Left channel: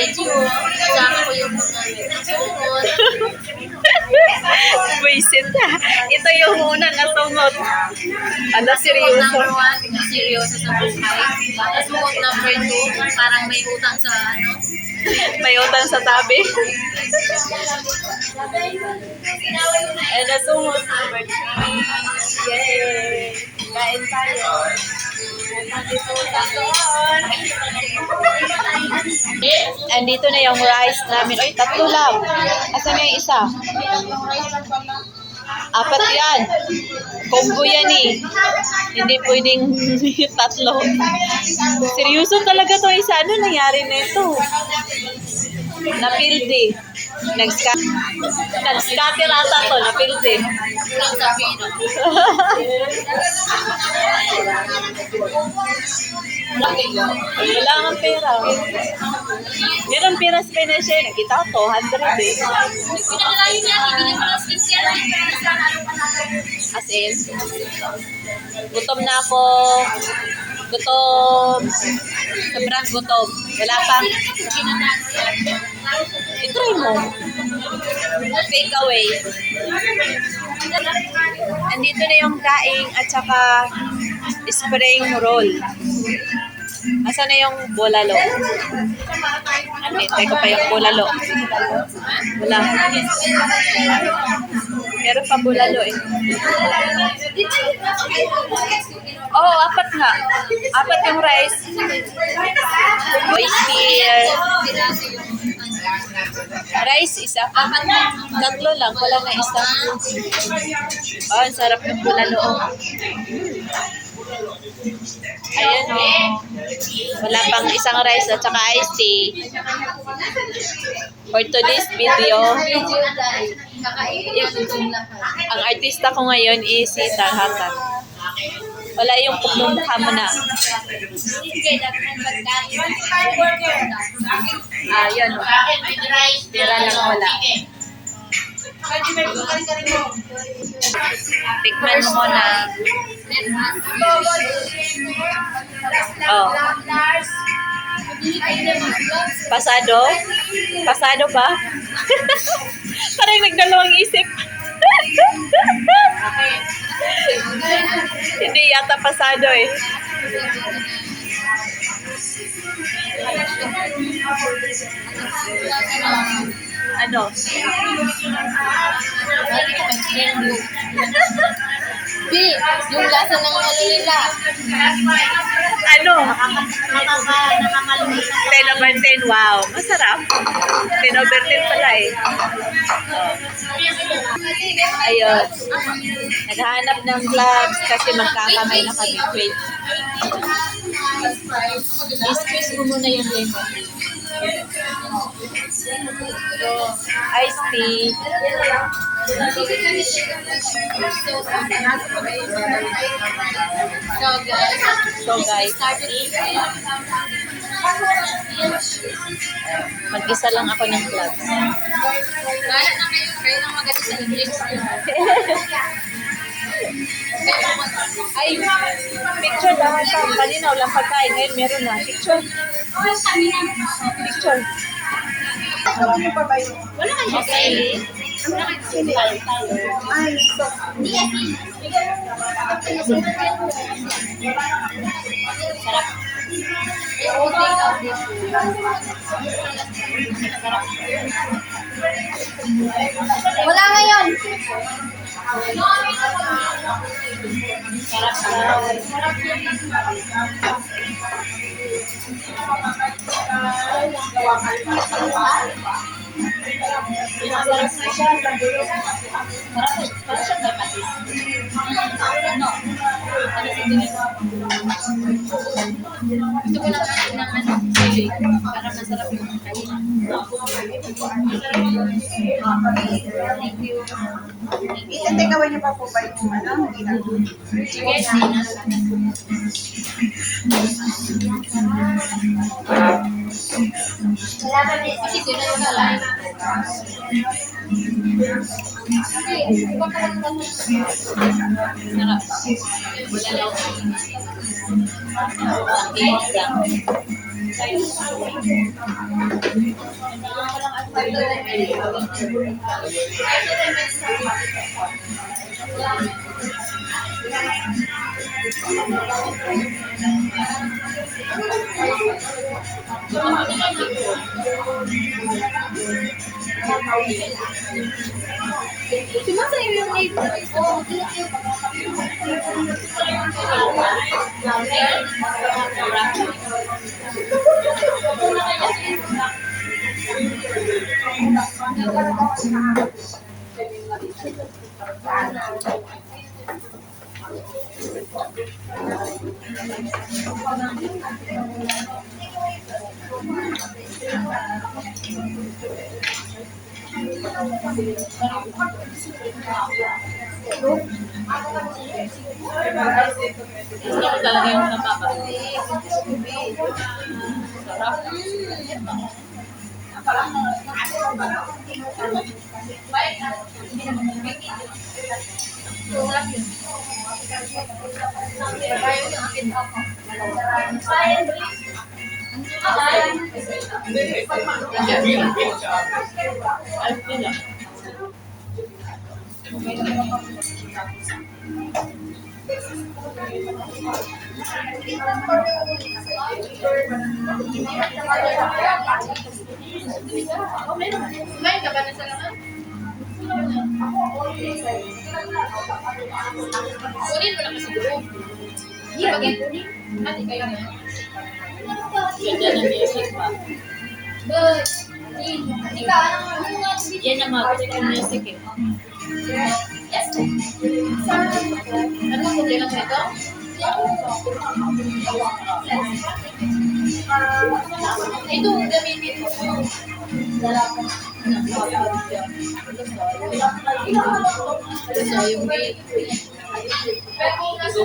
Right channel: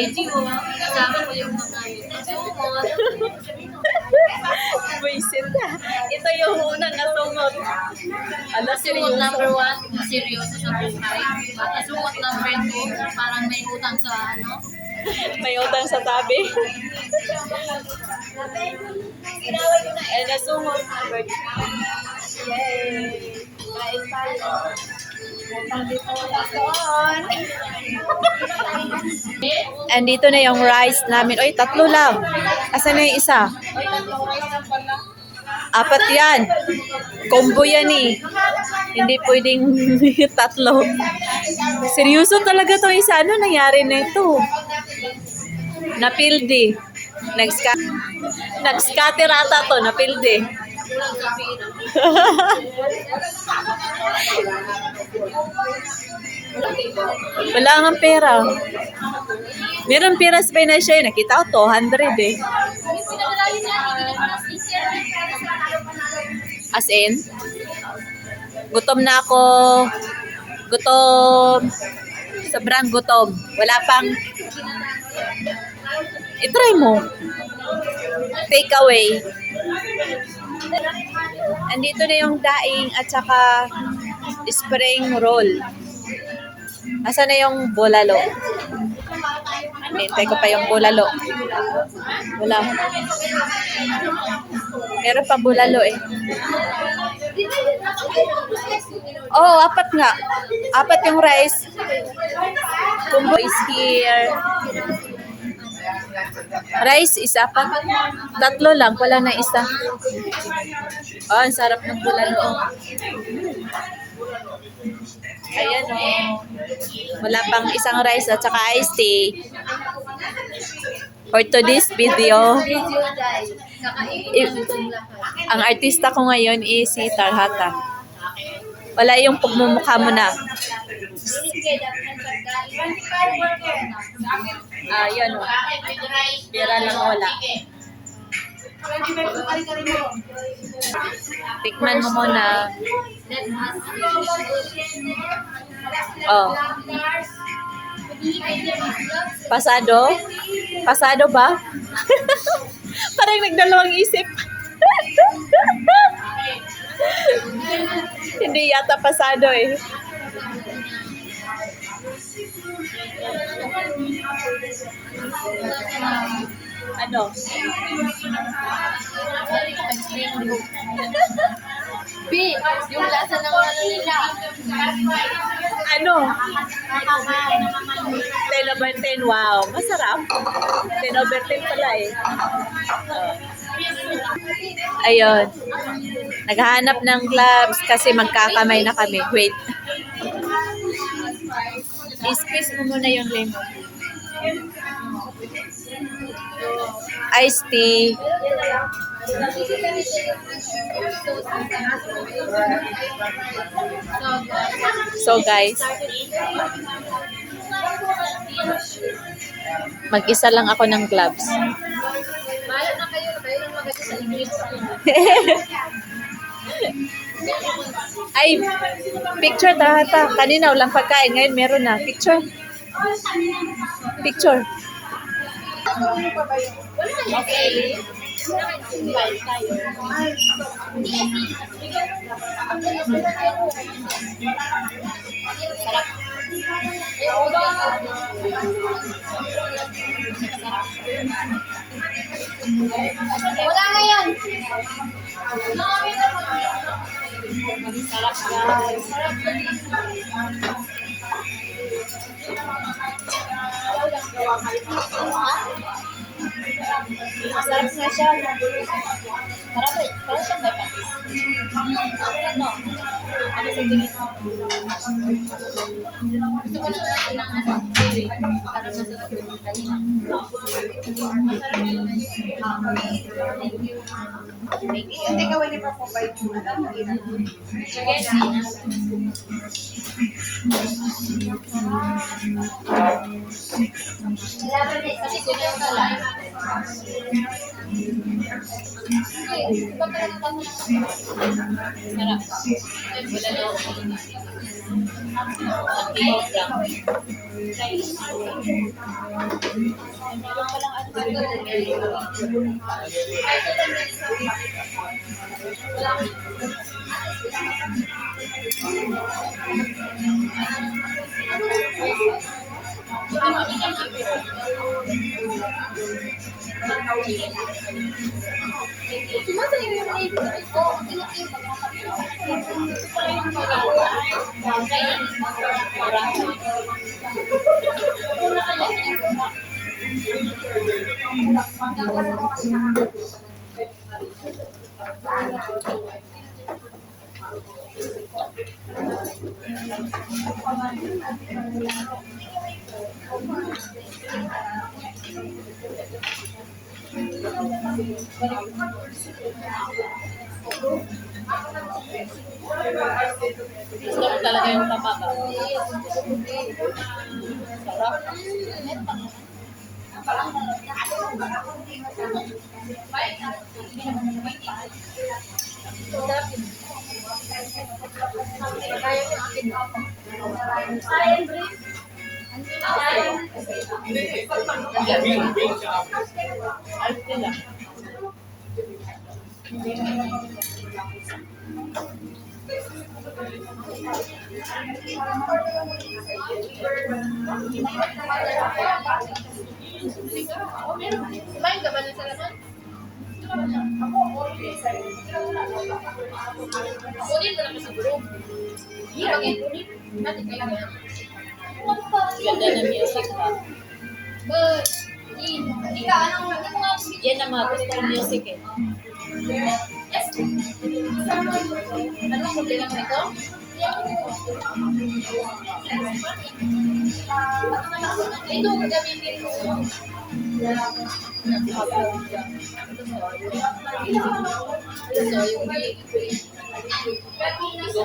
Medyo, kasama ko yung mga sumot. Buisit na. Ito yung unang nasunod. Ano, Sumot seryoso? number 1, seryoso sa buhay. Sumot number 2, parang may utang sa ano. May utang sa tabi. And nasunod number 3. Yay! Kain tayo. Nandito doon. And dito na yung rice namin. Oy, 3 lang. Asan na yung isa? 4 yan. Combo yan eh. Hindi pwedeng 3. Seryoso talaga to isa. Ano nangyari na ito? Napildi. Nag-scatter ata to. Napildi. Kulang sa pino. Wala nga pera. Meron pera sa siya. Nakita ko 200 eh. Pinakalayo niya, ibili mo ng sticker. As in, gutom na ako. Gutom. Sobrang gutom. Wala pang... I-try mo. Take away. Andito na yung daing at saka spring roll. Asa na yung bulalo? Hintay ko pa yung bulalo. Wala. Meron pa bulalo eh. Oh, 4 nga. 4 yung rice. Kumbo is here. Rice, isa pa. 3 lang, wala na isa. Oh, ang sarap ng bulalo. Ayan o. Wala pang isang rice at saka iced tea. For today's video, ang artista ko ngayon is si Talhata. Wala yung pagmumukha mo na. Yun. Pira lang wala. Tikman mo muna. Oh. Pasado? Pasado ba? Parang nagdalawang isip. Hindi yata pasado eh. Ano? B, yung lasa ng ano nila. Ano? 10 over 10. Wow. Masarap. 10 over 10 pala eh. Oh. Ayun. Naghahanap ng gloves kasi magkakamay na kami. Wait. I-squeeze mo muna yung lemon. Iced tea. So guys, mag-isa lang ako ng gloves. Bahala na kayo lang maganda sa English. Ay, picture dapat pa. Kanina walang pagkain, ngayon meron na. Picture. Picture. Wala kayo okay. Wala kayo tayo. Sarap. Wala ngayon. Sarap Masarap na siya. Sarap eh. Parang siya may patis. Ano? Gusto ko lang kain ng ano, chili. Para masarap yung kanina. Thank you. Itagawa niya pa po ba yung ano? Sige, Sina. Kasi kulang na lang. Sarap. Wala lang. Sumasayo yung neighbor ko. Gusto ko talaga yung mababa. Sarap. Sarap yun. Ayaw yung akin. Ay, sila. Kumain ka ba na sa laman? Kunin mo na kasi siguro. Bakit? Ate kayo na. Ganda ng music ba? But, ikaw, ano nga Yan ang mga gusto ng music eh. Yes. Ano ang problema mo ito? Ito, gamitin mo. So, yung may... Pero kung nasa...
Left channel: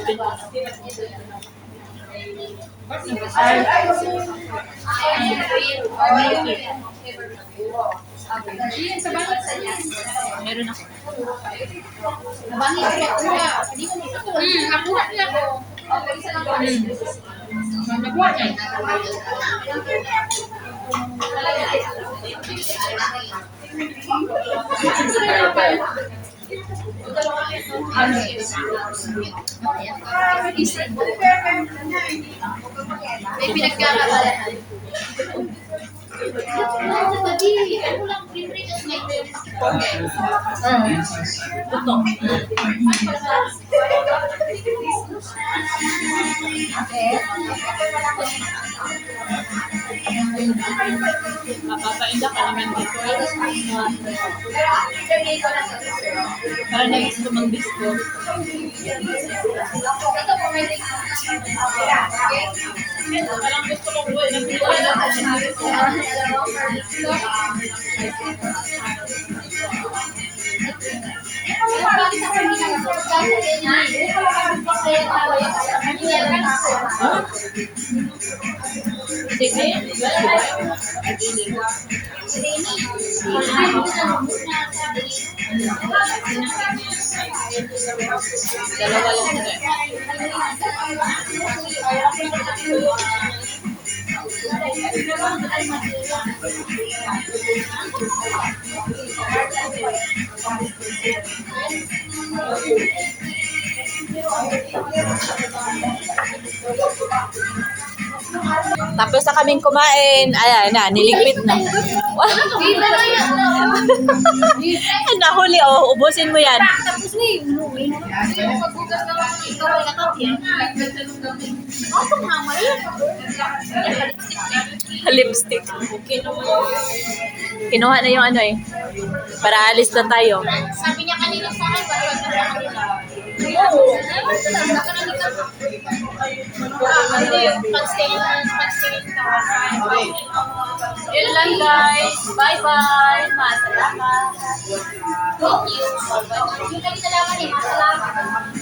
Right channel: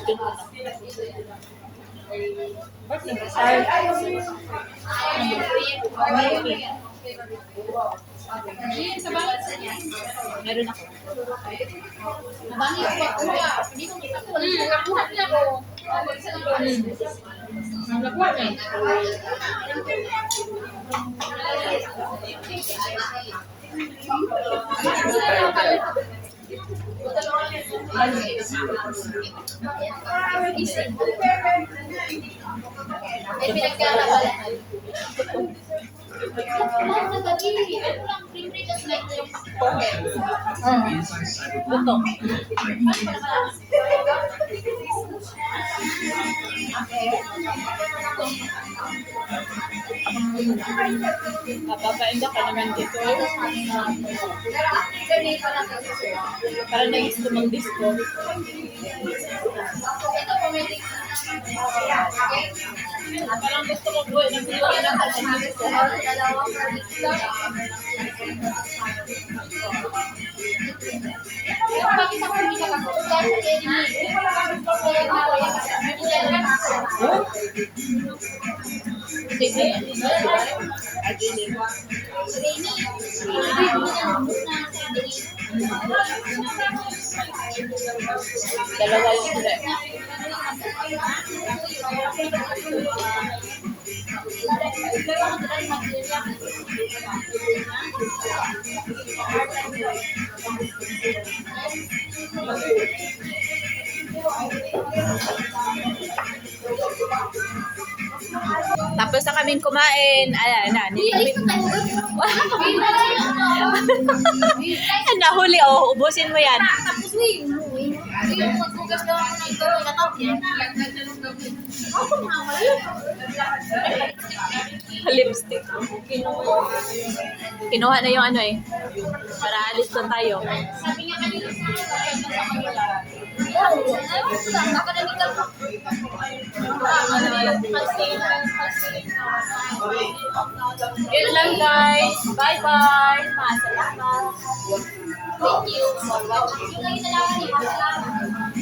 Jean, sa bangit sa niya. Meron ako. Nabangit ko makuha. Hindi ko makuha. Nakuha niya ko. Nakuha niya. May pinagkakabalahan. Sa gabi, ano lang, pre-pre, tas like yung Mapapainda ka naman dito. Para na gusto mong disco. ito po may Parang gusto ko buhay ng Pilipino. Sige. Dalawa yung sila. Tapos na kaming kumain. Ayan na, niligpit na. Nahuli, oh. Ubusin mo yan. Tapos na yun. Magbugas daw ako ng ikaw ay katapyan. Ako mama yun. Lipstick. Kinuha na yung ano eh. Para alis na tayo. Sabi niya kanina sa akin, wala na sa kanila. Oo. Baka nandito. Hindi yung pag-stay ka. Yun lang guys. Bye-bye. Masalamat. Thank you. Yung lagi nalaman eh, masalamat.